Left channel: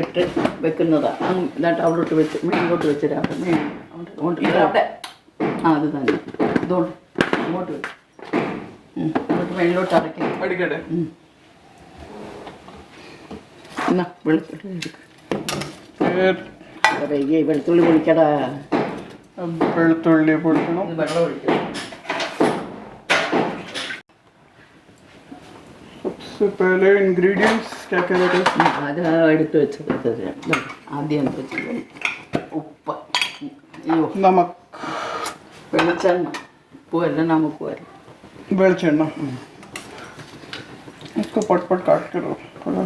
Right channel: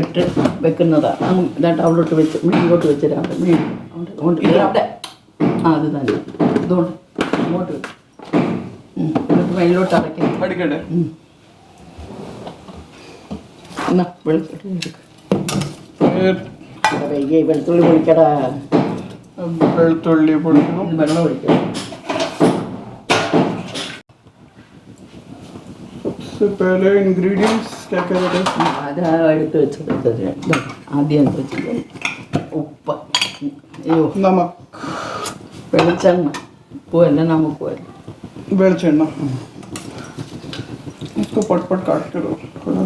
ഇട്ട് വെക്കുന്നതാണ്. ഇതായിട്ട് അവിടോട്ട് വെച്ച് ഇങ്ങോട്ട് വെച്ചിരാം. അവിടെ അത് തന്നെ ഇതുകൊണ്ട് ഇങ്ങോട്ട് വെച്ച് ഇങ്ങോട്ട് മേലോട്ട് അടയ്ക്കട്ടെ. എന്നാ വെളുത്തുള്ളി പൊടിക്കടാ. വെളുത്തുള്ളി പൊടിക്കണം. വെള്ളം ഒഴിക്കണം. पहले इंग्रेडिएंट्स क्या क्या है? आधा എടുത്ത് വെച്ചത് ആദ്യം എന്ത് വെച്ചത് ഉപ്പ്, नमक, വെളിച്ചെണ്ണ, ഉപ്പല്ല നമുക്ക് വരും वेलचेन्ना. इसको पट पट काट के लो थोड़ा.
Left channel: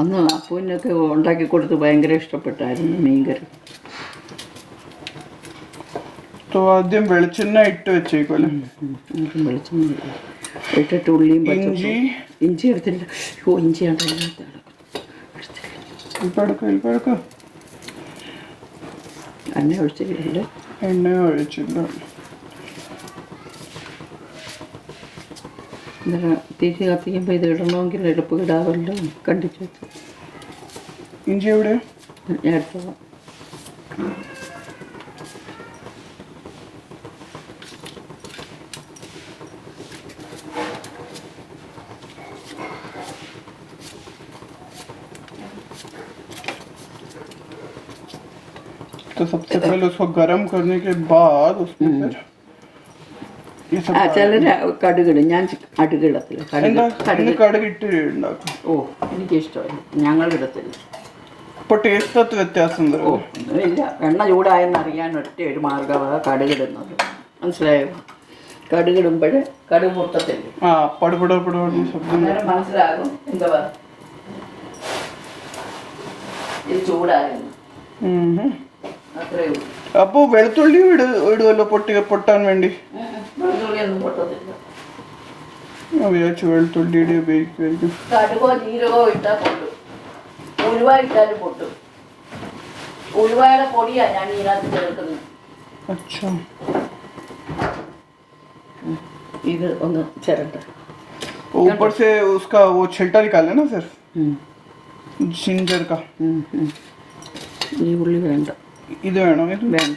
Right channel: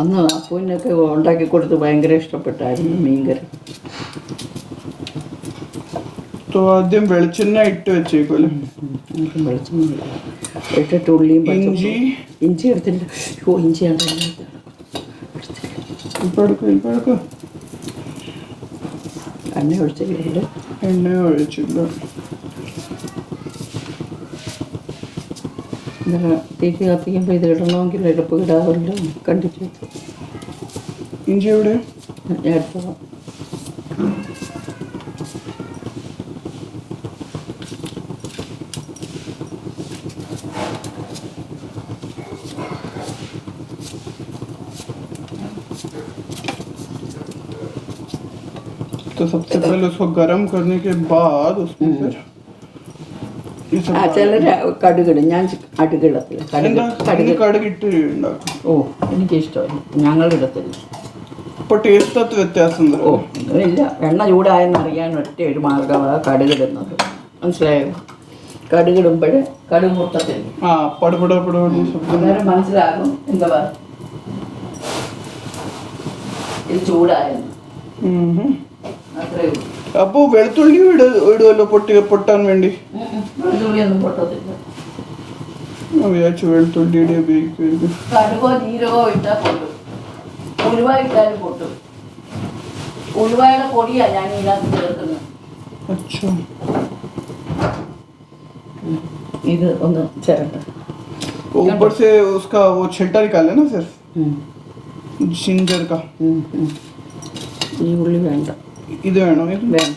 അന്ന് അപ്പൂനൊക്കെ ഉണ്ടാക്കി കൊടുത്ത് ഭയങ്കര ഇഷ്ടപ്പെട്ടായിരുന്നു മീൻകറി. तो ആദ്യം വെളിച്ചെണ്ണ ഇട്ട് വെച്ചേക്കോലെ. വെളിച്ചെണ്ണ ഇട്ടിട്ട് ഉള്ളിയും ഇഞ്ചി എടുത്തില്ല. ഇഞ്ചിയാണ് എണ്ണ ഒഴിച്ചിട്ടുണ്ട്. എണ്ണ ഒഴിച്ചില്ല. തിരിച്ച് കത്തിക്കുമ്പോൾ ഇത് ഇടണമെങ്കിൽ എളുപ്പം ഇടാമല്ലോ. കണ്ടിച്ചു വെച്ചു. ഇഞ്ചി എവിടെ? ഞാൻ എടുത്തോളാം. तो सबसे पहले उसको गर्म करने के बाद उसमें फिर ये सब ചിലർ കടുകിടും. ഞാൻ അടുക്കിടത്തില്ല. കടുക് ഇട്ട് ഉണ്ടാക്കും. ഓ എനിക്കിഷ്ടമല്ല. ഞങ്ങളിടത്തില്ല. അപ്പോൾ ടേസ്റ്റ് വ്യത്യാസമുണ്ട്. ഓ ഇല്ല. എണ്ണ ചൂടായെന്ന് അറിയാൻ ഒറ്റ ഒരു മാർഗമാണ് കടുകിടുന്നത്. മനസ്സിലായോ? കടുകിടുമ്പോൾ കടുക് പൊട്ടത്തില്ല. അന്നേരം മനസ്സിലാകും എന്താ ഇത് ചൂടായിരുന്നു. അപ്പോ വെളുത്തുള്ളി ഇടുമല്ലോ പൊട്ടാൻ വേണ്ടി. വെളുത്തുള്ളിയൊന്നും പൊട്ടത്തില്ല. വെളുത്തുള്ളിയുടെ ഉപയോഗിക്കും. കടുകോ ജീരകോ ഇട്ടാൽ പൊട്ടും. ഉലുവ ഇട്ടാലും പൊട്ടും. ഉലുവയുടെ പൊടിയാണ് ഞാൻ ഇതിനകത്ത് ചേർക്കുന്നത്. ഇത് ഒന്ന് ചേർത്ത് ऊपर से उसका वो छिलटा निकाले ना सर, जिंजर का. ഈ ഉള്ളി വേണ്ട. ഇത് വേണോ? ഇത് വേണ്ട.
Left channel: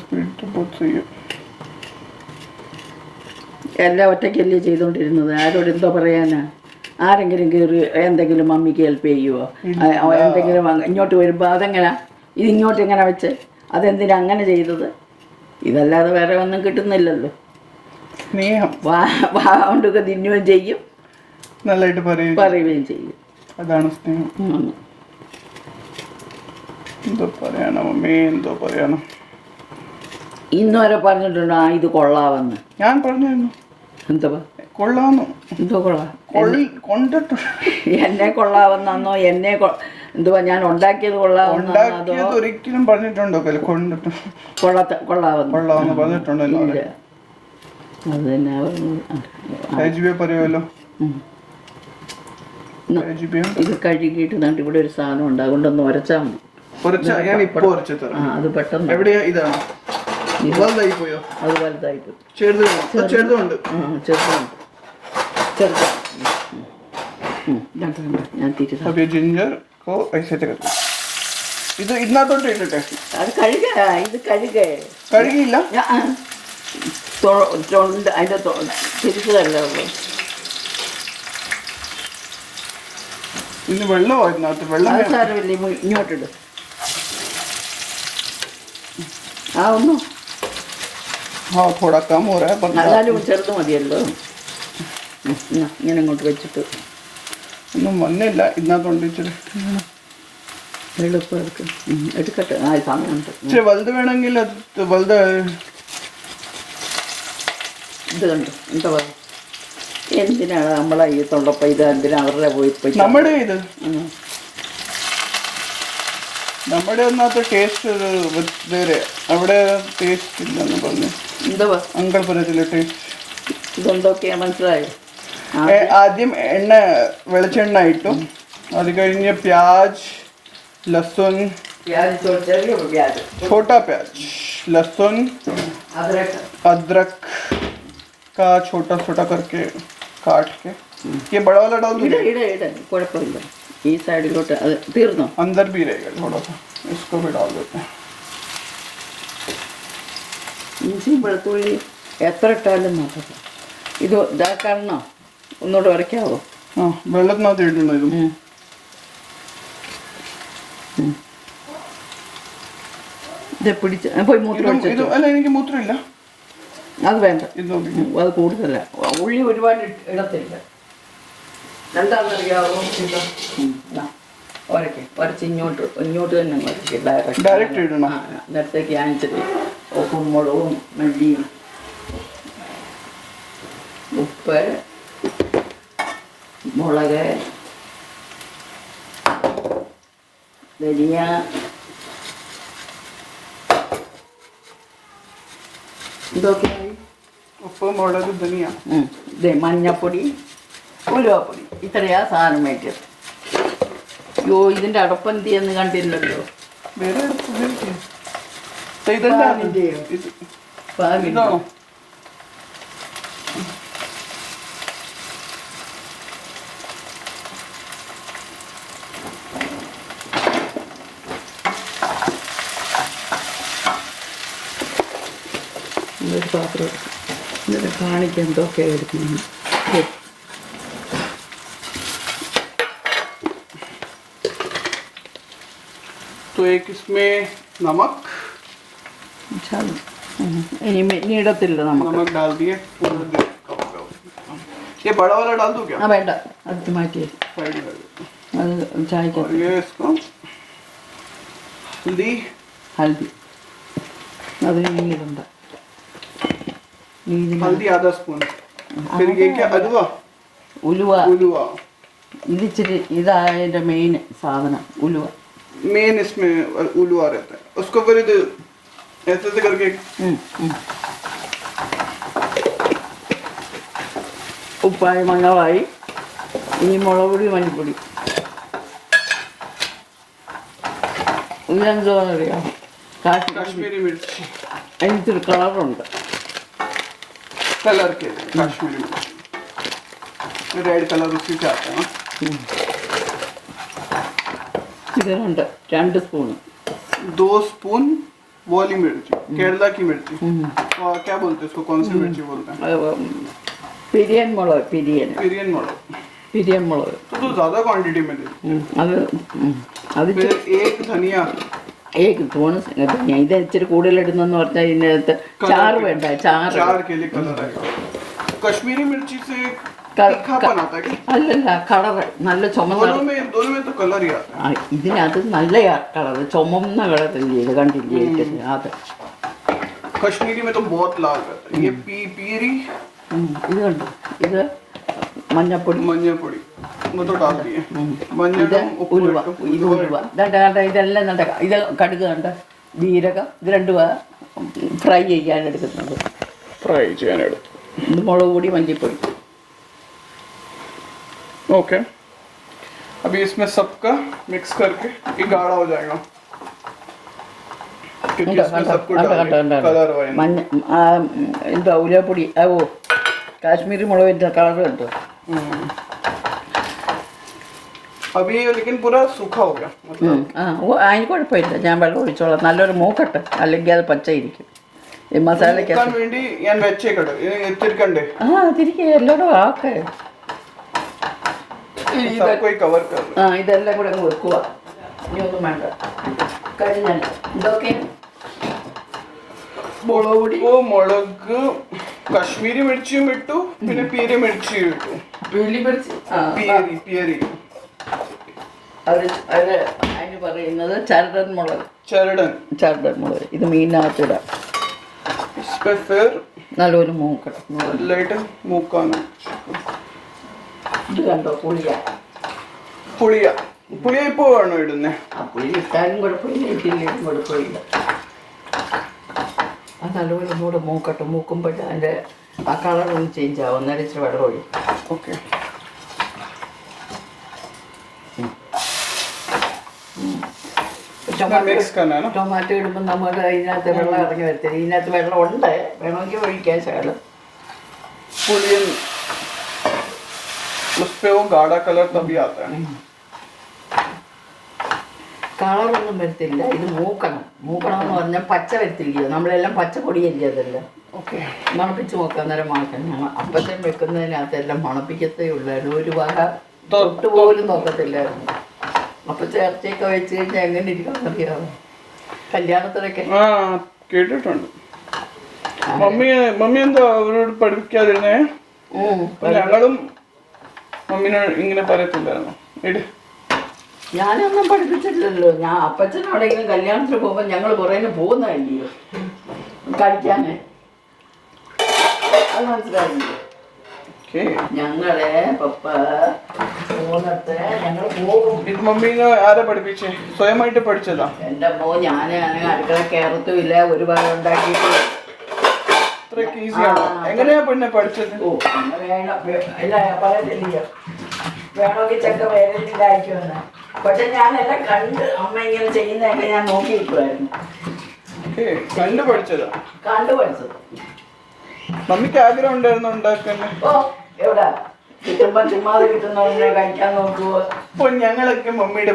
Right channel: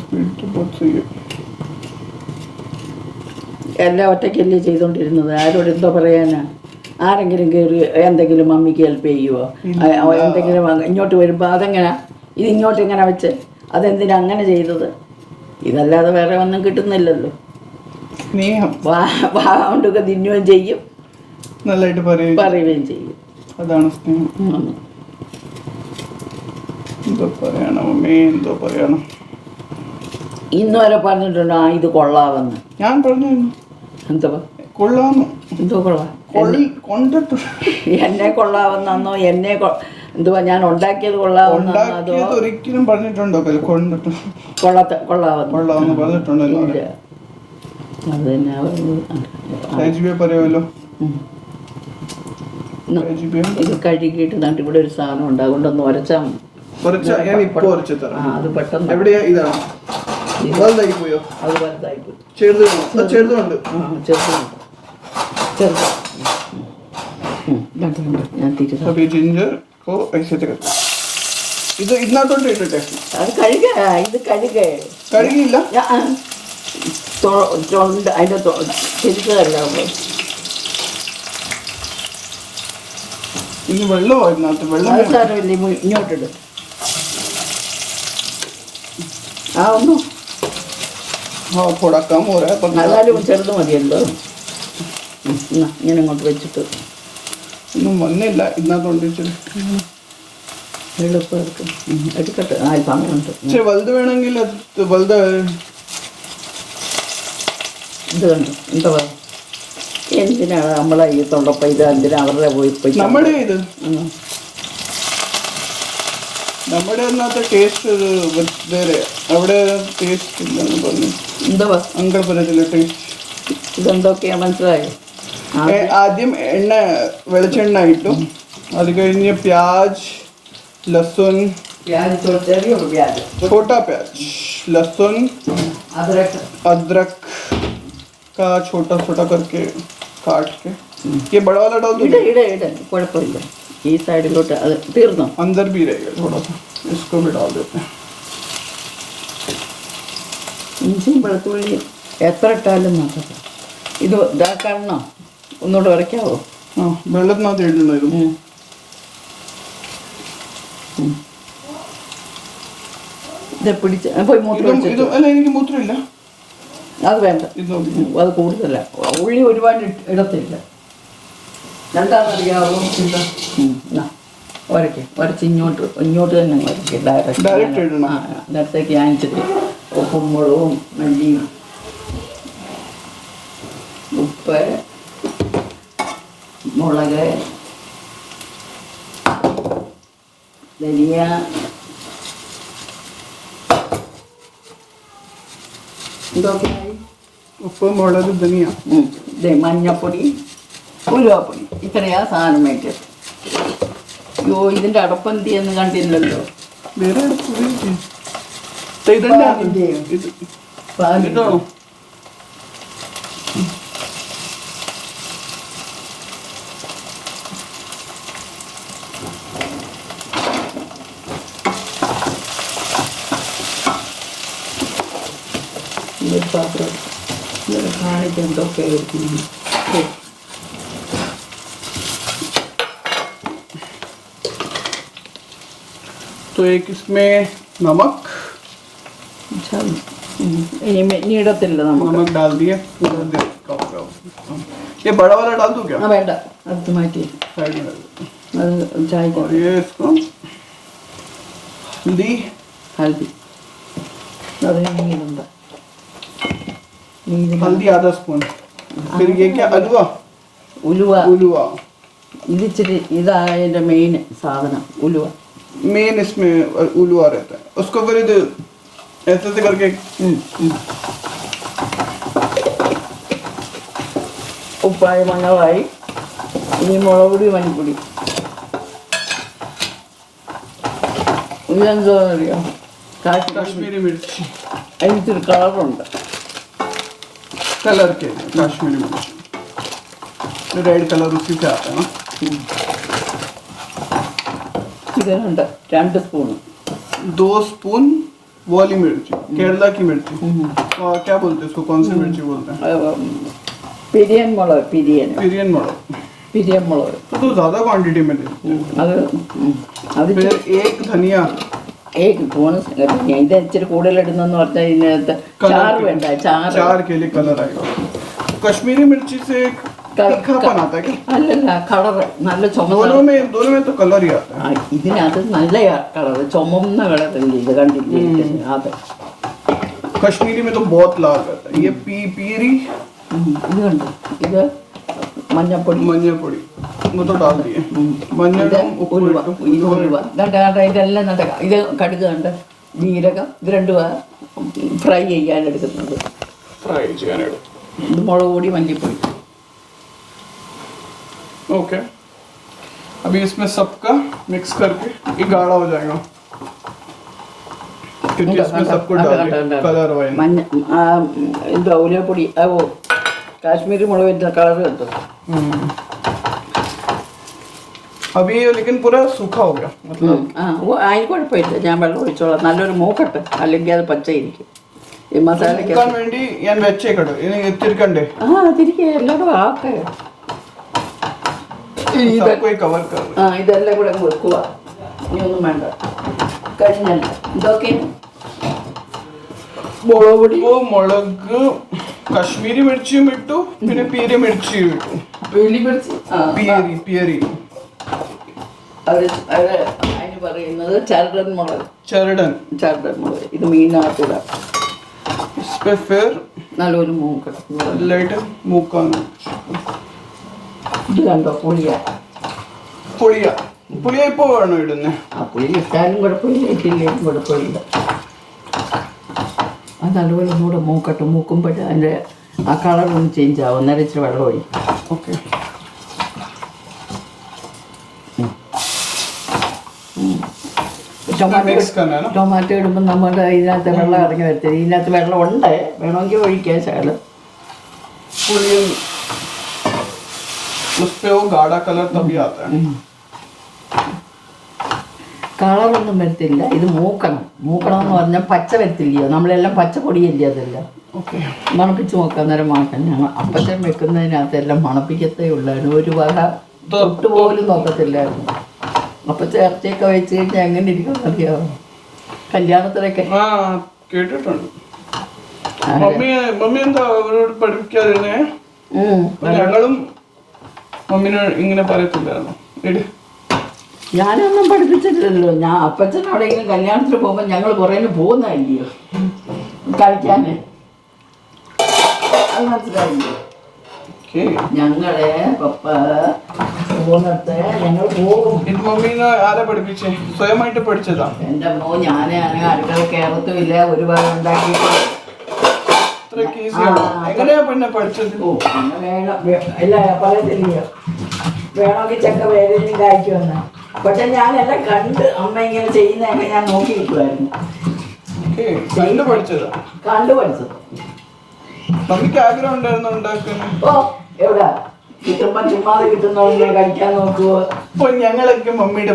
स्पीड तो बहुत सही है. എല്ലാം ഒറ്റയ്ക്കല്ലേ ചെയ്തുകൊണ്ടിരുന്നത്. ആരോട് എന്തോ പറയാനാ? ആരെങ്കിലും കയറി എന്തെങ്കിലും മമ്മിക്ക് ഹെൽപ്പ് ചെയ്യുമോ? എന്തെങ്കിലും ഇങ്ങോട്ട് വരുമ്പോൾ അതെങ്ങനെയാ ഇത് ഇങ്ങോട്ട് എങ്ങനെ വെച്ച് അതെന്തിനാ അങ്ങനെ ചെയ്തത്? ഇതല്ലാതെ വേറെ ഒന്നും കിട്ടുന്നില്ലല്ലോ. സ്നേഹം കൊണ്ടൊക്കെ തിന്നുകയും ചെയ്യും, നല്ലതായിട്ട് പറയുകയും ചെയ്യും. അതാണ് സ്നേഹം. എന്തോ പറയണം അമ്മേ, എന്തോ പറയണം. ഇന്ന് വരെ പറഞ്ഞിട്ടുണ്ടോ ഇത് കൊള്ളാമെന്ന്? ഞാൻ പറഞ്ഞു. എന്തോ കൊള്ളാമെന്നോ? എന്തോ കൊള്ളാം കൊണ്ടിട്ടു. എന്നെ കൊള്ളാവുന്നോ? എന്നെ എന്തുവാ ഞാൻ ഉണ്ടാക്കിയത് കൊള്ളാവുന്നോ? ഒരിക്കലും പറഞ്ഞിട്ടുണ്ടോ? കൊള്ളാവുന്ന പറഞ്ഞിട്ടുണ്ടല്ലോ. അത് തന്നെ പറയുമല്ലോ. ഇത് കഴുകിയിട്ട് നട്ട് ഇവിടെ ഒരു സാധനം ഉണ്ട്, അതുകൊണ്ടൊന്ന് ഉരച്ചാൽ മതി. അത് പെട്ടെന്ന് അത് വലുതായി പോയി. ചെറുതുണ്ട്. ഞാൻ തിരിച്ചു ജിഞ്ചർ ഇത് ഇതിനകത്തോട്ട് ഇട്ടിട്ടെ അത് ഇത് കഴുകിയില്ല. അതിന്റെ തിരിച്ചതല്ല. ഇത് വെള്ളമോ? ഇതിനകത്ത് വെള്ളം സാരമില്ല. ഇങ്ങോട്ടിട്ട് ഒന്നും थोड़ा कम हो रहा है पर എന്നാലും ചെറുത് മതിയല്ലോ. ഇങ്ങനെ ഇങ്ങോട്ട് വെച്ചിട്ട് ഒന്നും വന്നില്ല. ഇതിനകത്തോണ്ട് എളുപ്പം എടുക്കട്ടെ. സമയമുണ്ട്. ഇച്ചിരി വലുത് വേണമെങ്കിൽ വലുത്. ഇത് കണ്ടു എന്താ പറയുക? എന്തിനാണ് നമ്മളെ ഈ തൊള്ളപ്പം ഇത്? എന്തിനാ അവരുടെ പോയി നമ്മുടെ ഇത് നമ്മുടെ ഒന്നാത്ത ടേസ്റ്റ് വേറെ. അവിടെ ടേസ്റ്റ് ഇല്ലെന്ന് പറഞ്ഞു. എന്താ അങ്കിൾ പറഞ്ഞില്ല ടേസ്റ്റ്. ഇതെന്തൊക്കെയാ മനസ്സിലായോ? ആദ്യം എണ്ണ വെളിച്ചെണ്ണ ഇട്ടു. അത് കഴിഞ്ഞ് പ്യാജ്, लहसुन, छोटा प्याज, लहसुन, अदरक का छोटा छोटा करके काट के ये बड़ा वाला डाल दो. കുഴപ്പമില്ല. ഈ സൈഡിലോട്ട് അത് തീർന്നോ? अंदर भी रहेगा थोड़ा सा, इसको भी डाल देते हैं. ഇഞ്ചിയും വെളുത്തുള്ളി എത്ര ഇട്ടാലും നോക്കാം. ഇത് ഇതാക്കാണോ? ഒന്നുകൂടെ ഉരയ്ക്കാവോ? ആ, വെള്ളത്തിനകത്ത് ഇട്ടിട്ടുണ്ടോ ഇത്? ഇത് പിടിച്ച് പോയി മൂത്രം അല്ല, എനിക്ക് മൂത്രമില്ല. അത് വേണ്ട, ഇത് അത് കൂടുതല. ഉള്ളി ഒരുപാട് ഇടത്തില്ല. എന്താണെന്നറിയാവോ? ഉരച്ച് ഇങ്ങോട്ട് തന്നെ ഉരയ്ക്ക്. ഡയറക്റ്റ് ഇടണം. നേരത്തേക്ക് അയച്ചിട്ട് ഉപ്പും മുളകും മല്ലിയും ഉപ്പ്, മുളക്, ധനിയ, ഉപ്പ്, മുളക്, ധനിയ, മഞ്ഞപ്പൊടി, ഉലുവാപ്പൊടി, ഇത്രയാ സാധനം വയ്ക്കുന്നത്. അയ്യോ, ഇതിൻ്റെ അടപ്പന്തിയെന്ന് കണ്ടില്ലല്ലോ. വേറെ ഇതാണോ? तो एक इसमें नमक, ഇനി ഇടത്തില്ല നമുക്ക്. नमक डाल दिए. ये बड़ा वाला डाल दूं क्या? ആ വേണ്ട, അടുത്ത് മാറ്റി. साइड में. അത് ചായക്ക് और ये इसको हल्दी, ഹൽദി, അത് നീരുണ്ട്. हल्दी आधा स्पून. फिर ये क्या? अदवा, ഉലുവ. उलवा. ഇത് ഇച്ചിരി ഇതായതിൻ്റെ മെയിൻ സാധനം ഉലുവ. मेन इसमें उलवा रहता है. उसको फिर ऐसे ऐसे करके ഉപ്പായി മണമായി. ഇനി മുളക് പൊടി, മഞ്ഞൾപ്പൊടി. ഇതെന്തോന്നറിയാം, कश्मीरी मिर्च. അതിനൊരു കളറുണ്ട്. कलर के कश्मीरी मिर्च, रेड कलर उसी से आता है ना. ഇതിനുണ്ട് 2 സ്പൂണ്. 2 स्पून वाली मिर्ची, केरला की मिर्ची. और क्या बोलते हैं इसको, कौन सी मिर्ची बोलते हैं? പിരിയൻ മുളക്, പിരിയൻ मोड़ो. മുളക്. तो ज़्यादा क्वांटिटी में नहीं. അത് फिर एक धनिया. ഇത് ഇച്ചിരി കൂടുതലിടുന്നെന്ന് പറഞ്ഞാൽ ഇതിനകത്ത് ചാറ് വേണ്ട. चार के लिए कलर आएगा. कश्मीरी मिर्ची से तीखापन आता है क्या? അല്ലല്ല, കളറ് നല്ല ചുമന്ന. दोनों में तो कलर ही आता है. ഇതിനകത്ത് നല്ല കളറ്, ചുമന്ന കളറല്ലേ ഇത് കണ്ടില്ലേ? അത് कश्मीरी में तो बहुत लाल रहता है. ये पीरी, ഇതുണ്ട്. ഇത് മഞ്ഞപ്പൊടി, മഞ്ഞപ്പൊടി, वो तो डाल दिए. മഞ്ഞളും ഉലുവ. ഇതെല്ലാം നല്ല. ഇത് കടുക് കണ്ട്, ജീരകം, ഇത് രണ്ടും ഫ്രൈ ചെയ്യാൻ എടുക്കുന്നത്. ഫ്രൈ ചെയ്യാനെടുക്കും. ഇത് മുളക് പൊടി, മല്ലിപ്പൊടി. ओके, अभी इसमें सबका मिक्स करके ये गाढ़ा हो जाएगा. फिर इसमें सबको डालिए कलर वाइज. മഞ്ഞ എന്താ ഉലുവപ്പൊടി, കാശ്മീരി മുളകിൻ്റെ കളർ കിട്ടും. अभी ये लेकिन पूरा सूखा हो गया मतलब. അതിന് കുഴപ്പമില്ല, ഞാൻ വെള്ളം ഒഴിച്ചോളാം. നല്ലൊരു മൂക്കട്ടെ, അല്ലെങ്കിൽ അത് പച്ചയിരിക്കും. ഈ മസാലയ്ക്ക് വേണ്ടി ഞാൻ വെച്ചേക്കട്ടെ. തിരിക്കണ്ടേ? തിരികെ എല്ലായിടും ആക്കെ. ഇതെല്ലാം കൂടെ വെക്കുക. ഇനിയൊന്നും വേണ്ട, കഴിഞ്ഞല്ലോ. ഇതൊക്കെ മുളക് പൊടി, മുളക്, കശ്മീരി മിർച്ചിയും ഇട്ടു, പിന്നെ പീരി മിർച്ചിയും ഇട്ടു. പീലി മിർച്ചി, പിയരി. അത് അതിന് പറയുന്നത് ചരടൻ മുളക്. ചരടൻ മുളക്. ഇത് മീനിനകത്തിടാം. നല്ലൊരു മൂക്കട്ടെ. ഇത് കണ്ടോ, പുളിയ ഇപ്പൊ വേണോ ഇടുന്നേ? പുളി ഇട്ടാലും കുഴപ്പമില്ല, ഇട്ടില്ലേലും കുഴപ്പമില്ല. അത് നല്ലപോലെ ഒന്നുകൂടെ മൂക്കട്ടെ. മൂക്കുമ്പോൾ അതിൻ്റെ ആ കളർ ഒന്ന് ചേഞ്ച് ആവും, അന്നേരം ഇച്ചിരി വെള്ളം ഒഴി. ഓക്കെ. ടൊമാറ്റോ ഇടുമ്പോൾ നമ്മുടെ ഇതിനകത്ത് വെള്ളം ഇറങ്ങി വരത്തില്ല. ഇതിനകത്ത് വെള്ളം ഉണ്ട്, വേണമെങ്കിൽ ഒഴിക്കാൻ ശകലം. उसपे वो गाढ़ा कलर तभी आता है. കളറൊന്നും വരത്തില്ല. ഇത് മൂക്കണം എന്ന് പറഞ്ഞാൽ പച്ച വരത്തില്ലയോ, നമ്മളെല്ലാം പച്ചപ്പൊടിയല്ലേ അതെല്ലാം. ഓക്കെ. മണപ്പിച്ച് നോക്കാം, അന്നേരം മാക്കണം. ഞങ്ങൾ അപ്പച്ചൻ വെക്കുന്നതിനകത്തെല്ലാം മണപ്പിക്കത്തേ ഉള്ളായിരുന്നു, ഒരു വക തൊട്ട് പോലും നോക്കത്തില്ലായിരുന്നു. അപ്പച്ച ഇറച്ചിയൊക്കെ വെച്ച് കഴിഞ്ഞാൽ എങ്ങനെ ഇരിക്കും അറിയാമോ, കല്യാണത്തിനൊക്കെ. കേട്ടിട്ടുണ്ട്. മമ്മി എന്താ അവരോട് പഠിപ്പിക്കാതിരുന്നേ? ഞങ്ങളും മമ്മിനെ ഇങ്ങനെ പറയത്തില്ലായിരുന്നു. ഞാനൊന്നും പഠിപ്പിച്ചിട്ടില്ലല്ലോ. ഞാൻ അപ്പച്ചനോടെങ്കിലും കല്യാണത്തിന് പോകുമ്പോൾ ഞങ്ങൾ കുറേ പോകുന്നതല്ലയോ കളിക്കാനേ, അത് മനസ്സിലായില്ലേ? ഞങ്ങളെ പപ്പ പോകുന്നിടത്ത് ഞങ്ങൾ പോകും. മമ്മീനെ ആരാ പഠിപ്പിച്ചേ? സ്വയമായിട്ട് പഠിച്ചതാ? എൻ്റെ അമ്മോ, ഞാനാണ് അടുക്കള കയറത്തുമില്ല, ഒരുപാട് ഉണ്ടാക്കിയിട്ട്. എങ്ങനെയാ പിന്നെ പഠിച്ചത്? ഇല്ല പറയത്തില്ല, വേണമെങ്കിൽ ചക്ക വേറെ കായ്ക്കുമെന്ന്. പക്ഷെ ഞാനെല്ലാം കണ്ട് അമ്മ ഇങ്ങനെ ചെയ്യുന്നതൊക്കെ ഞാൻ നോക്കിയിരിക്കുമായിരുന്നു. കണ്ടു പഠിച്ചതാ? കണ്ടു പഠിച്ചത്. മമ്മിക്ക് ആഗ്രഹം ഉണ്ടായിരുന്നു ഉണ്ടാക്കാൻ? ഓ എവിടാ, കിട്ടുമ്പോ ചുമ്മാതെ കിട്ടുന്നവരെ കഴിക്കാൻ നോക്കുവോ? അപ്പൊ ഞങ്ങളൊക്കെ മമ്മിയുടെ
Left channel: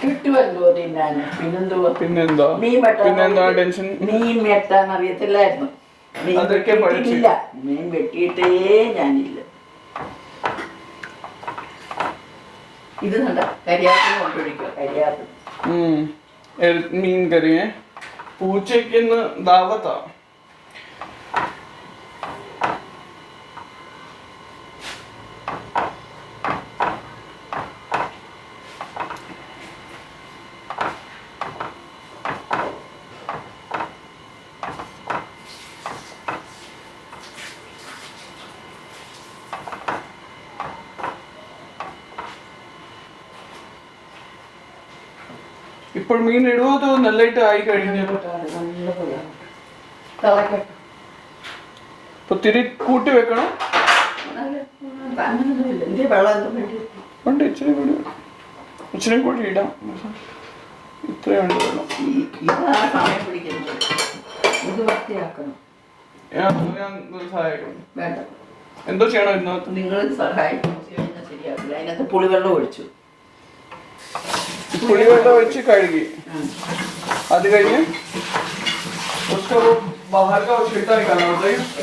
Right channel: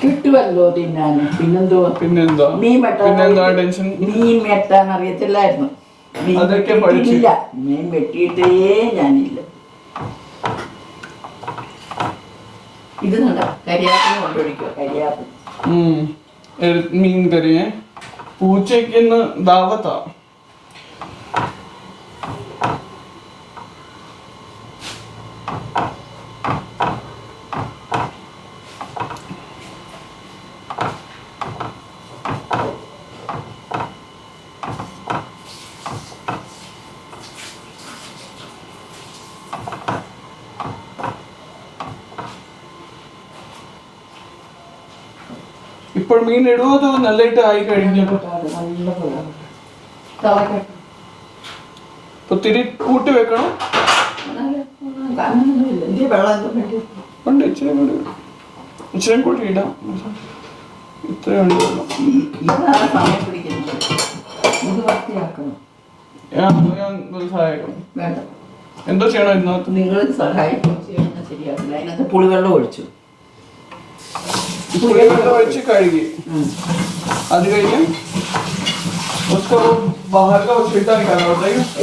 കിട്ടുമല്ലോ തിന്നാൻ. പിന്നെന്തുവാ, മീൻ വെട്ടാൻ അറിയത്തില്ലായിരുന്നു. ഇല്ല, മീൻ വെട്ടിയിട്ടേ ഞാനില്ല. ഇത് നല്ല കരിയാപ്പിന് കൊണ്ടൊഴിക്കുക. കരിയാപ്പിൻ മീൻ കറിയെ പൂച്ചയ്ക്ക് ദാവത്താ. ഇപ്പോൾ മീൻ ഇടുവോ നല്ലായിട്ട് ആയി കഴിഞ്ഞു. തിരി കൂട്ടി വെക്കണം. ഇച്ചിരി കൂടി ഇടാം. ഇത്രയാണ് എന്തോ ചെയ്യണം ഇതിനകത്ത്? നിങ്ങൾ സഹായിക്കും, ശരിയാക്കില്ല. അതിനകത്ത് പുളിവെള്ളം ഒഴിച്ചു, പുളിവെള്ളം ഒഴിച്ച് കഴുകി. അത് കഴിഞ്ഞ്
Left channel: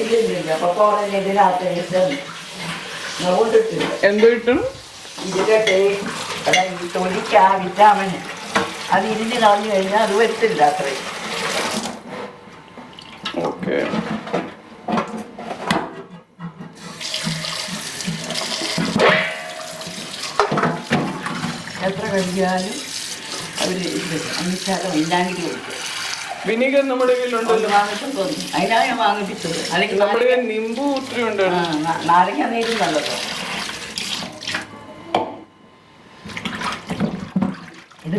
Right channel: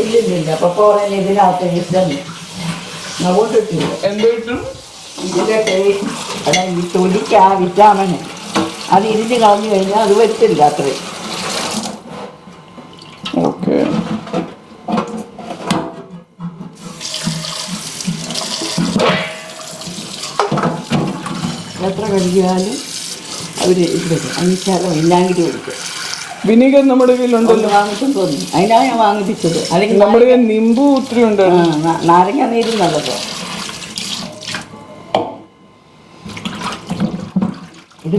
ഇല്ലില്ല. അപ്പൊ പറയുന്നത് ഇതിനകത്ത് എന്തോ കിട്ടും? ഇതിന്റെ ടേസ്റ്റ്, അതായത് ഈ തൊലിക്ക് ആ വിറ്റാമിന് അത് ഇരിഞ്ഞ് കളഞ്ഞു കഴിഞ്ഞാൽ അത് വരത്തില്ല അത്രയും. ഓക്കെ. എത്ര കഴിച്ചാലും അവർ അഞ്ചാലോ വിനാഗിരി കൊടുക്കും. വിനീഗർ നമ്മുടെ കയ്യിലുണ്ടല്ലോ, വാങ്ങിക്കൊണ്ട് വന്നു. അതിനാണ് ഞാൻ വാങ്ങിപ്പിച്ചത്. അല്ലെങ്കിൽ നമ്മുടെ കയ്യിൽ നിമ്പു ഒത്തിരി ഉണ്ട്. നാരങ്ങ നീരും നല്ലതോ. ഇത്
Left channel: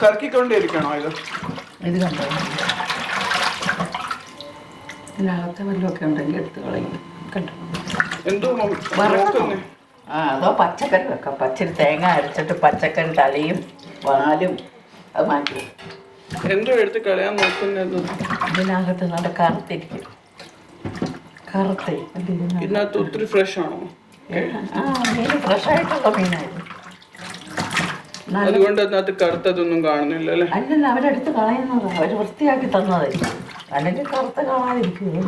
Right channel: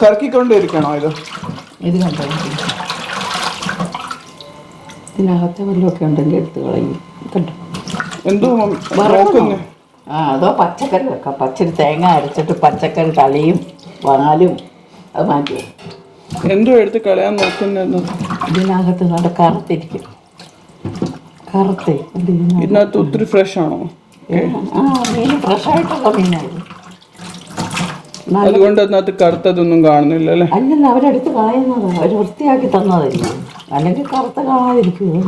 കറക്കിക്കൊണ്ടിരിക്കണോ? ഇത് കണ്ടോ, ഇതിനകത്ത് വല്ലതൊക്കെ ഉണ്ടെങ്കിൽ എടുത്ത് കളയും. കണ്ടോ എന്തോ അതോ പച്ചക്കറി വെക്കാം. പച്ചരി തേങ്ങ അരച്ചിട്ട് പച്ചക്കറി തലയും പാലും അത് മാറ്റി എന്തോ എടുത്ത് കളയാൻ നോക്കുന്നു. ഇതിനകത്ത് നല്ല കറുത്തിരിക്കും. കറുത്തേ ഇതിനകത്ത് ഒത്തിരി ഫ്രഷ് ആണോ? മീൻ ഫ്രഷായിട്ടുള്ള മീനായിരുന്നു. അതുകൊണ്ട് അതിനകത്ത് കറുത്തതൊന്നും കാണുന്നില്ല അല്ലേ? അല്ലല്ല, അവരെടുത്ത് കളയുന്നതാണ്, അവർ വൃത്തിയാക്കി തന്നതായിരിക്കും. അല്ലെങ്കിൽ കറുത്ത കാണാതിരിക്കുമോ?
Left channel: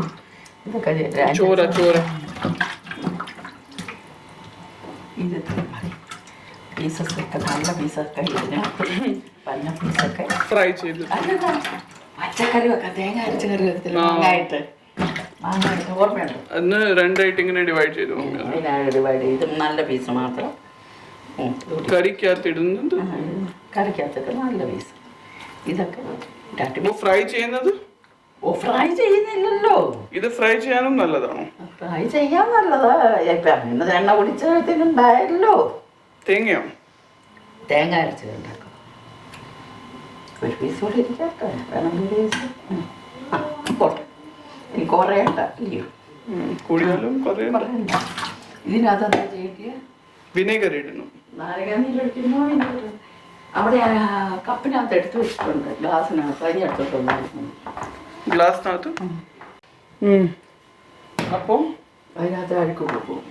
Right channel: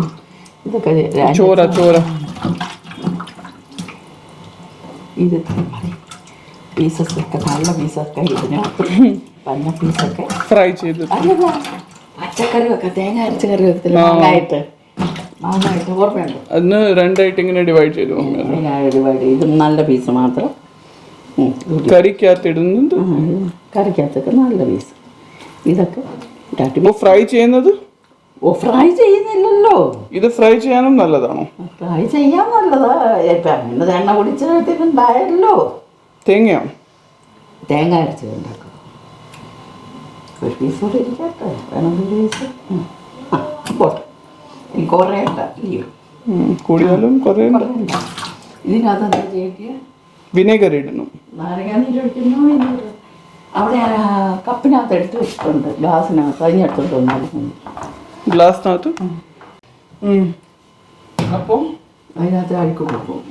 ഇതൊക്കെ ചോര ചോര. ഇത് പീസൊക്കെ നല്ല പീസൊക്കെ ഇതിനകത്ത് പന്ന പീസൊക്കെ ഫ്രൈ ചെയ്ത്. അല്ലല്ല, പച്ചക്കറി വെക്കാം. തേങ്ങ അരച്ച കറി വെക്കത്തില്ല, മാങ്ങായിട്ട് ഓർമ്മയുണ്ട്. അതിന് രണ്ടായിട്ട് ഇങ്ങനെ ഡിവൈഡ് ചെയ്തു. ഡിവൈഡ് ചെയ്ത് നല്ല പീസ് മാത്രം കറിക്കകത്ത് ഇടുന്നത്. കറിക്കകത്തൊക്കെ നല്ല പീസ്. ഇതൊക്കെ ഫ്രൈ ചെയ്യുന്നത് ഫ്രൈ ചെയ്യുന്നില്ലല്ലോ. ഇത് ഫ്രൈ ചെയ്യാനും നല്ലതാണോ? ഫ്രൈ ചെയ്യാൻ നല്ലതാ. ഇപ്പം അങ്ങനെ എണ്ണ കുടിച്ചതിനുണ്ടായല്ലോ. തേങ്ങയോ? തേങ്ങ അരച്ച് ഉണ്ടാക്കും. ഒരു പീസ് കൂടി ഇരിക്കട്ടെ, വേണമെങ്കിൽ പീസ് പോട്ടെ. എനിക്ക് കുറേ ഉണ്ട ഇല്ലയോ, കൂടിയാലും കുറേ ഇതിനകത്ത് എന്താ ചെയ്തിട്ട് വിനെഗർ ഇടണം. നാരങ്ങാനീര് ഒഴിക്കുന്നു. അവിടെ ഞാൻ കപ്പിനകത്ത് എടുത്ത് വെച്ചിട്ടുണ്ട്, ഗ്ലാസ്സിനകത്ത് അതിനടുത്തോട്ട് ഗ്ലാസ്സിനകത്ത്. അപ്പോൾ അതിനകത്ത് അഴുക്ക് പോകും.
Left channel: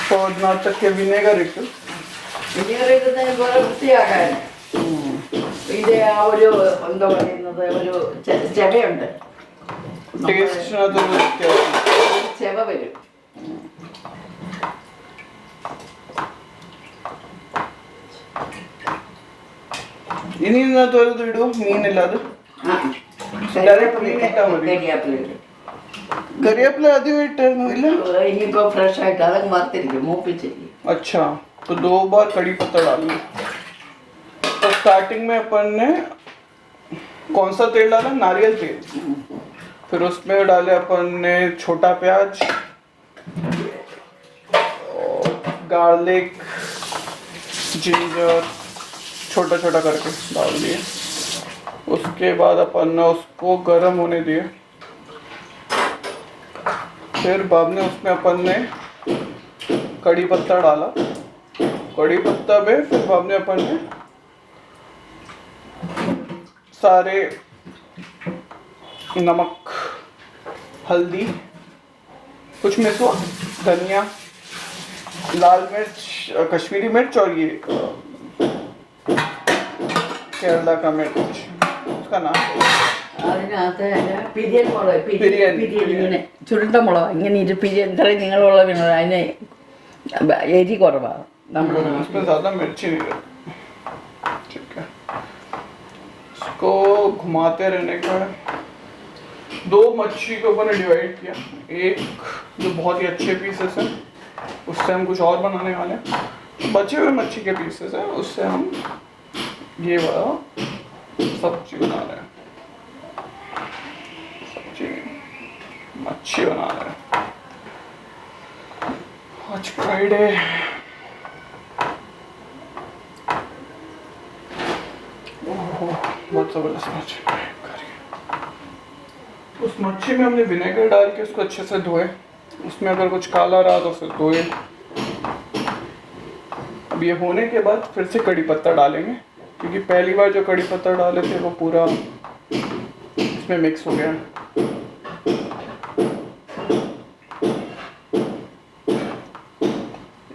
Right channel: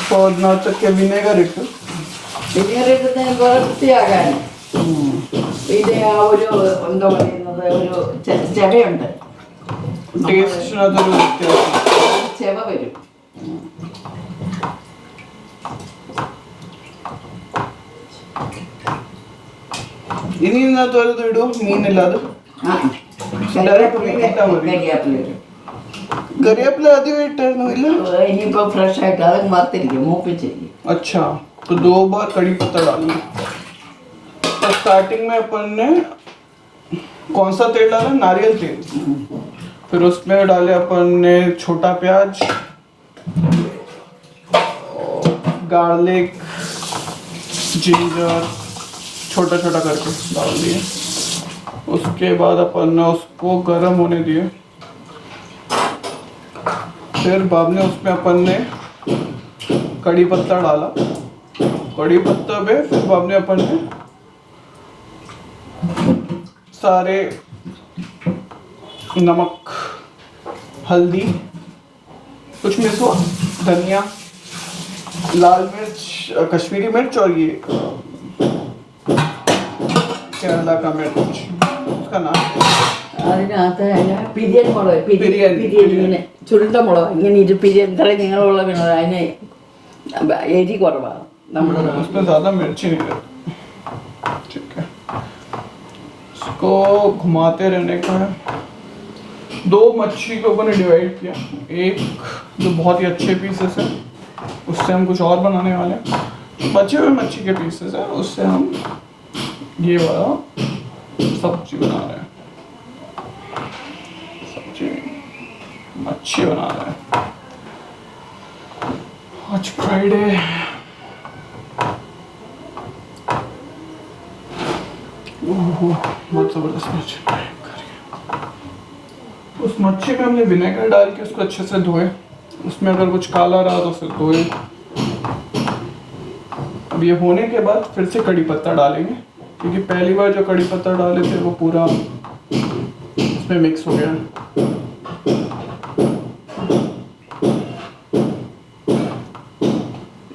അപ്പോൾ അതിനകത്തൊക്കെ വിനെഗർ ഇട്ടു. വിനെഗർ ഇടുന്നതിന് പോലെ വൃത്തിയാകാൻ ഇത് ആ ഒരു എന്താ പറയുന്നത്, ഒരു ചെവയുണ്ട്, ചെവ വരും. ഇനി ഇന്നത്തെ ഒരു ഇടും മീനില്ലാതെ. കരിവേപ്പില ആദ്യം ഇട്ടായിരുന്നു ഇല്ല? ഇനിയിപ്പോ ഫ്രഷ് ആയിട്ട് അതങ്ങ് വറുത്തിരിക്കും, മൂപ്പിച്ചിരിക്കും. अच्छा तो 2 बार कड़ी पत्ता डालना। तो स्टार्टिंग में अपन ने कौन सा तेल डाला? नारियल तेल। फिर उसमें डाले अपन ने छोटा प्याज, गार्लिक, जिंजर छोटा छोटा करके डाल दिए। उसके बाद अपन ने उसको गर्म होने दिए। फिर बाद में उसमें अपन ने कड़ी पत्ता डाला। कड़ी पत्ता में फिर बाद में अपन ने सारे नमक, हल्दी, कुछ मिर्च, धनिया, लाल मिर्च, कश्मीरी मिर्च और ये केरला का मिर्च, उसका नाम അതിനകത്ത് പിരിയൻ മുളക്, പിരിയൻ ഇങ്ങനെ ചുരുണ്ട മുളക് ഇങ്ങനെ പിരിയൻ ഇത്രയും നിങ്ങളുള്ള വീണത്, അതിന് എരി കുറവാണ്. നമ്മൾ उसमें ज़्यादा मिर्ची नहीं रहती। ठीक है, इसको घुमाते रहने का है। 2 मच्छी को अपन ने डिवाइड किया। एक जो बहुत ही अच्छे पीसेस है, उससे हम कुछ और बनाने वाले हैं। बचे हुए मच्छी के पीसेस है, उससे हम ये वाला सब्जी बना रहे हैं। सब्जी मच्छी बना रहे हैं। आज फ्राइडे, बहुत जबरदस्त मच्छी फ्राई करी। उस मच्छी में हमने विनेगर डाल के उसको अच्छे से धोए। उसमें अगर कुछ काला रहा तो उसे धोए। अब ये होने के बाद फिर से कड़ी पत्ता डालेंगे, क्योंकि पहली बार जो कड़ी पत्ता डाले थे वो पूरा इसमें मिक्स हो गया।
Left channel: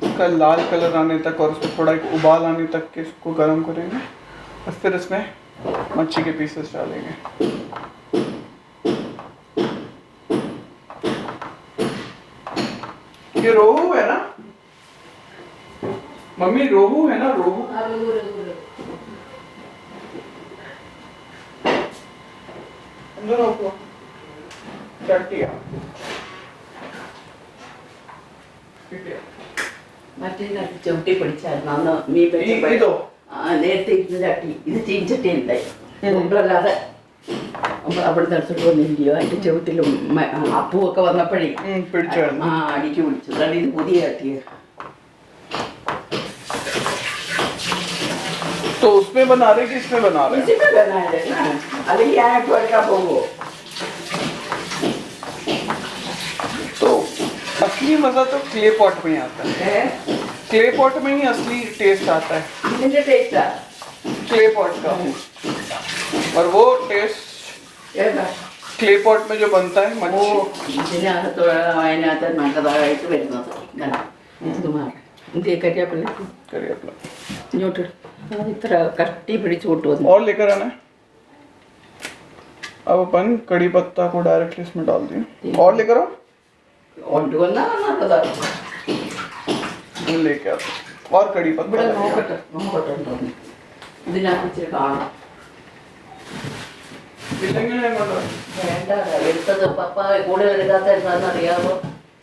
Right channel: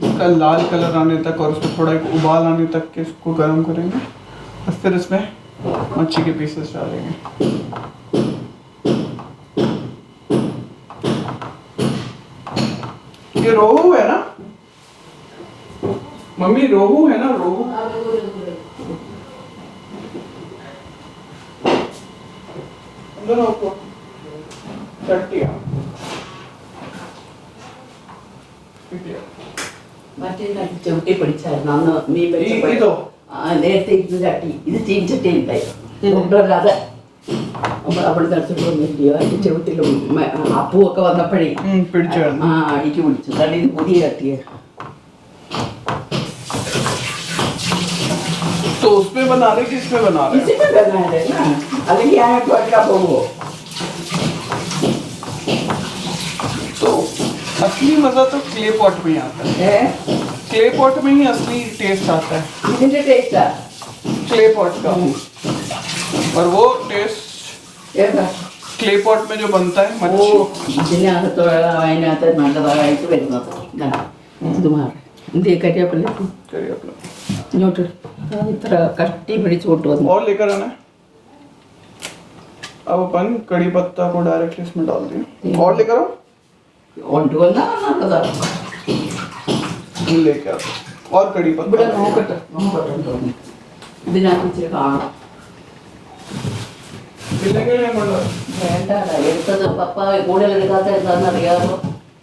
इसका लाल कलर आने तक और उसमें थोड़ा एक उबाल आने तक के इसको गर्म करेंगे। और फिर इसमें मच्छी के पीसेस डालेंगे। ये रोहू है ना मम्मी? रोहू है ना? रोहू चट्टिया മറ്റേ ചവിട്ടി പിടിച്ചായിരുന്നു അന്ന് മീൻ ഇതോ? നേരത്തെ ഇത് ചട്ടി, ഇത് ചീഞ്ചട്ടി ഉണ്ടായി കൊണ്ടല്ലാതെ നമ്മൾ അവിടെ നടത്തിട്ട് വന്നില്ലയോ, അതിന്റെ ചവിട്ടിൽ അപ്പുവൊക്കെ വന്നപ്പോഴേ അടിക്ക് പിടിച്ചു. കണ്ടി ഇത് പുതിയ ചട്ടിയ. तो उसमें बना रहे कि इसमें बना रहे? इसमें बना रहे ना, അല്ലെങ്കിൽ ഞാൻ എടുക്കാൻ പോകുമോ? तो असली मजा तो क्ले पॉट में ही आता है। क्ले पॉट में ही असली टेस्ट आता है। ഇതിന്റെ ടേസ്റ്റാ क्ले पॉट का। और वो टेस्ट ഏതാ? क्ले पॉट में जो बनता है ഓ, मच्छी। ഇതിനകത്ത് അതിനകത്ത് നല്ലതായിട്ട് വരുന്നത്. ഇത് മാറി ഇന്ത്യ കരിയാപ്പില്ല करिए अपना ഇങ്ങോട്ട് ഇത്ര കട്ടി പിടിച്ചു കൊണ്ടുവന്നു. और लेकर आना है। अब अपन कड़ी पत्ता को डायरेक्टली इसमें डाल दिए। और लेकर आओ। കൊണ്ടുവന്നാ നല്ലതാണ്. लेके आओ और कड़ी ഇവിടെ पत्ता। നോക്കട്ടെ തോന്നി ഇതിനകത്ത് ഇച്ചിരി കാണാം. विनेगर है मतलब? വേണ്ട, എടുത്തത് പപ്പ കൂടുതൽ എടുക്കാത്ത എന്താണെന്ന് അറിയാമോ?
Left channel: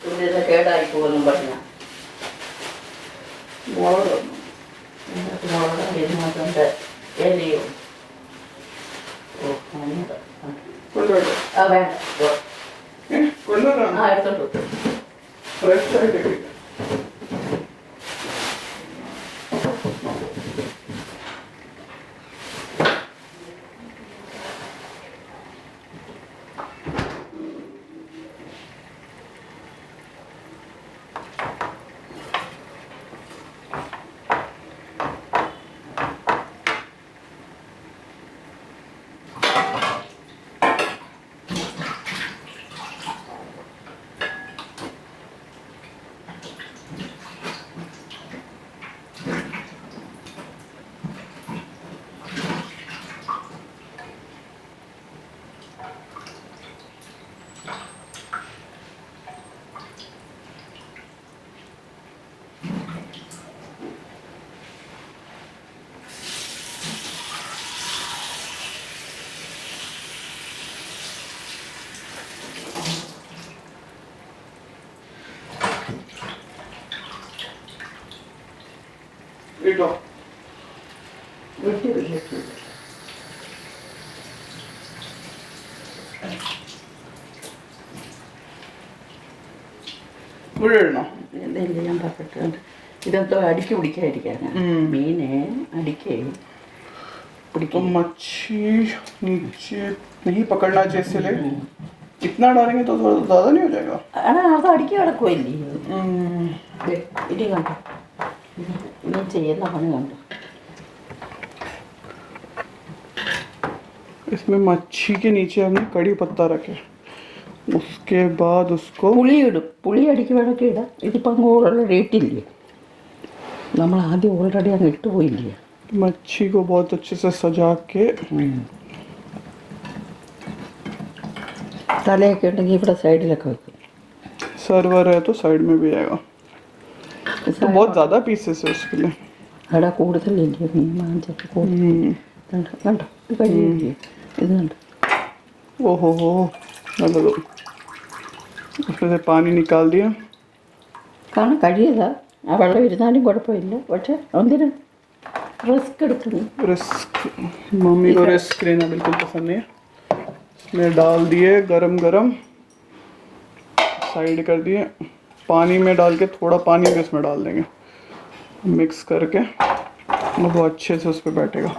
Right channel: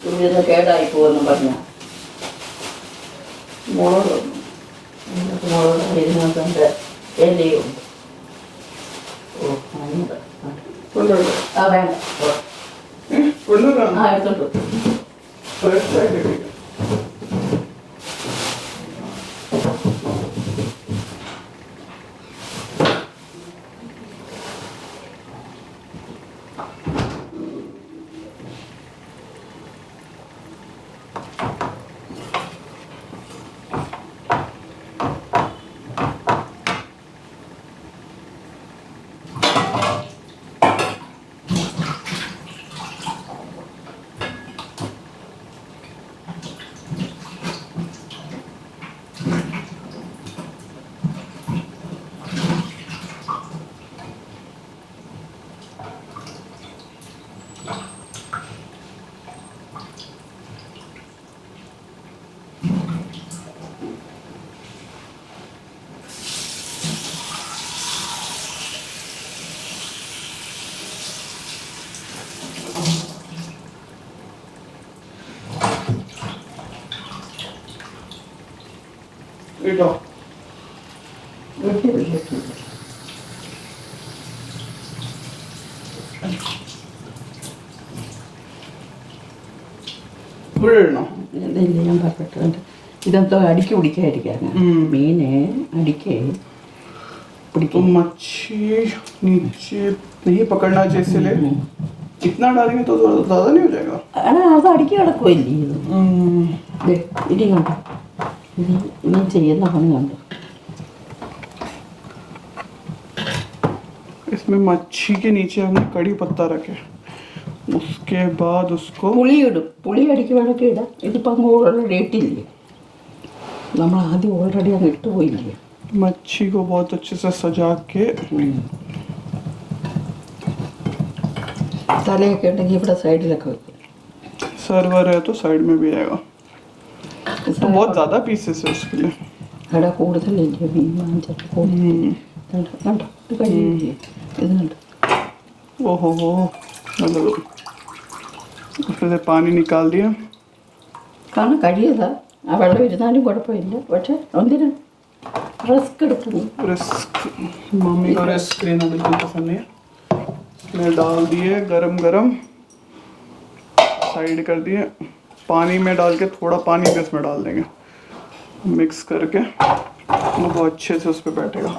ഇതിനെ കേടായി പോകുന്നു പറഞ്ഞ മുളക് ഇതിനകത്ത് മുളക് ഇതിനകത്ത് എല്ലയും. ഓ അതിനുണ്ട്. കൊണ്ടുവരൂ. ആ വേണ്ട, കൊണ്ടുവരാം. ആ എടുത്തോണ്ട് First side है। ഇട്ടോ ഇവിടെ ഇടണോ? ഇല്ല, ഞാൻ പറഞ്ഞിട്ടുണ്ട് ഇതൊക്കെ അടിക്ക് പിടിക്കാതിരിക്കാനാ. മീന് അടിക്ക് तो പിടിക്കും. मच्छी नीचे नहीं पकड़ना चाहिए इसलिए इतना डालेंगे तो ज़्यादा नहीं हो जाएगा? അത് അടിക്ക് കിടക്കുമല്ലേ. ഇനി കണ്ടോ, ഇനി ചെയ്യുന്ന പണി കണ്ടോ. इसमें मच्छी के नीचे हमने कड़ी पत्ता रखे, उसके बाद उसको പുളി ഇടും. പുളി അടിക്ക് വേണമെങ്കിൽ ഇടാം. ഇതിപ്പോൾ അങ്ങ് ഓൾറെഡി ഇട്ടില്ലേ, നമ്മൾ ആദ്യം ഓൾറെഡി അങ്ങ് ഇട്ടുപോയില്ലേ. मच्छी को बहुत अच्छे से सजा के തലയൊക്കെ ഉണ്ടെങ്കിൽ ഇവിടെ സൈഡിലൊക്കെ വെക്കും. सर्वर है तो साइड में भी आएगा, तो बहुत ज़्यादा पीसेस है उसके लिए. അവിടെ കൂടുതലില്ലേ മീൻ വാങ്ങിച്ചിട്ട് കണ്ടോ കണ്ടോ, ഇത് കഴിഞ്ഞില്ലേ, ഇത് കണ്ടോ. ओहो हो, मतलब उसमें से पानी निकाल दिया. കാരണം കഴിയതാ, ആ വെള്ളം ഇരുന്നാലും കുഴപ്പമില്ല. പക്ഷെ എന്തിനാ റിസ്ക് എടുക്കുന്നു. रिस्क, मम्मी को रिस्क लेना बिल्कुल पसंद नहीं है. इसमें डाल दिए गरम गरम, साइड कर दिए. पानी में डाल के थोड़ा पानी भी उसमें डाल देंगे, मिक्स करके वो बहुत अच्छे से उस पर बैठेगा.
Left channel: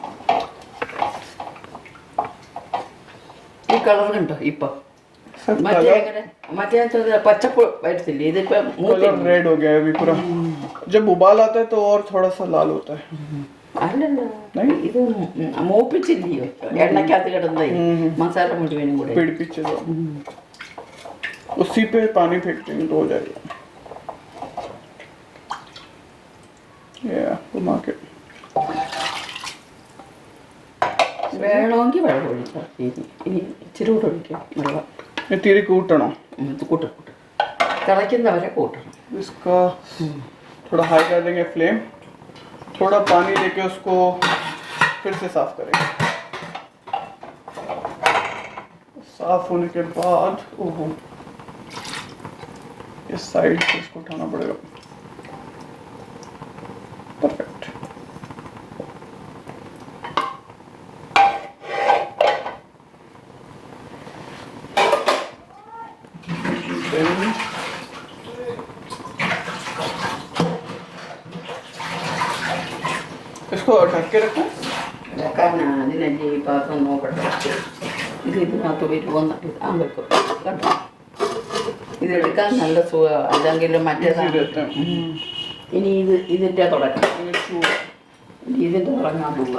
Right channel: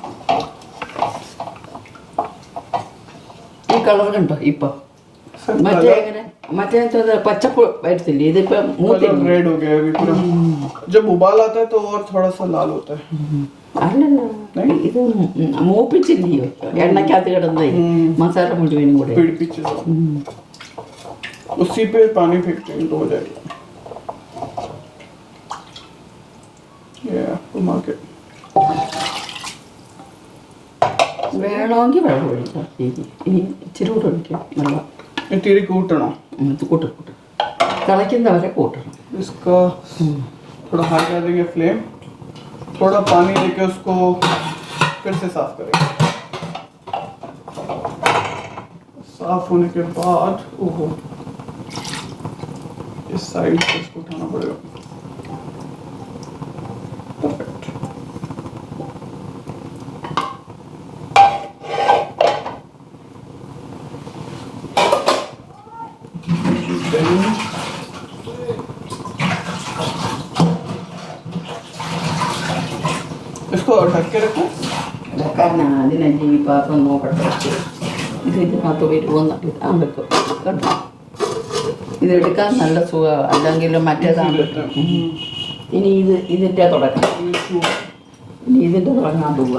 ഈ കളർ കണ്ടോ ഇപ്പൊ. മറ്റേ എങ്ങനെ മറ്റേ പച്ചപ്പ് വരത്തില്ലേ, ഇതിപ്പോ कलर മൂത്തില്ല. रेड हो गया है अभी पूरा. जब उबाल आता है तो और थोड़ा सा लाल होता है. അല്ലല്ലോ, ഇത് മൂപ്പിച്ചില്ലയോ എണ്ണക്കകത്ത് കിടന്നേ. മസാല മുഴുവനും കൂടെ. पेड़ पीछे से. उसी पे पानी फेंकते हैं तो हो जाएगा. ये घुमा के വേണമെങ്കിൽ വെള്ളം ഒഴിക്കാം. ഇനി ഇച്ചിരി കൂടെ ഒഴിക്കാം വെള്ളം. ये तेरे कूटना. കൂട്ടും തിളയ്ക്കുന്നവരെ കൂട്ടണം. इसका थोड़ा हाई कर देंगे फ्लेम, थोड़ा पानी लेके उसको फिर से साफ करेंगे. साफ होने के बाद ओहो, इस साइड से इसको उठाना पड़ेगा. परफेक्ट. इसको ढक के रखो. വെക്കാൻ അതിനല്ലേ ഈ പാത്രം നോക്കട്ടെ. ഇത് ഇതിനകത്ത് വരുമോന്ന് ആ വെക്കും. കേട്ടോ, ഇത് എടുക്കാൻ നല്ല സുഖമാണ്. അല്ലെങ്കിൽ മറ്റേതാണ്. ഇനി ഇതിൻ്റെ തുടക്കം. ഇനി ഇതിൻ്റെ തുടങ്ങാൻ പോവുക.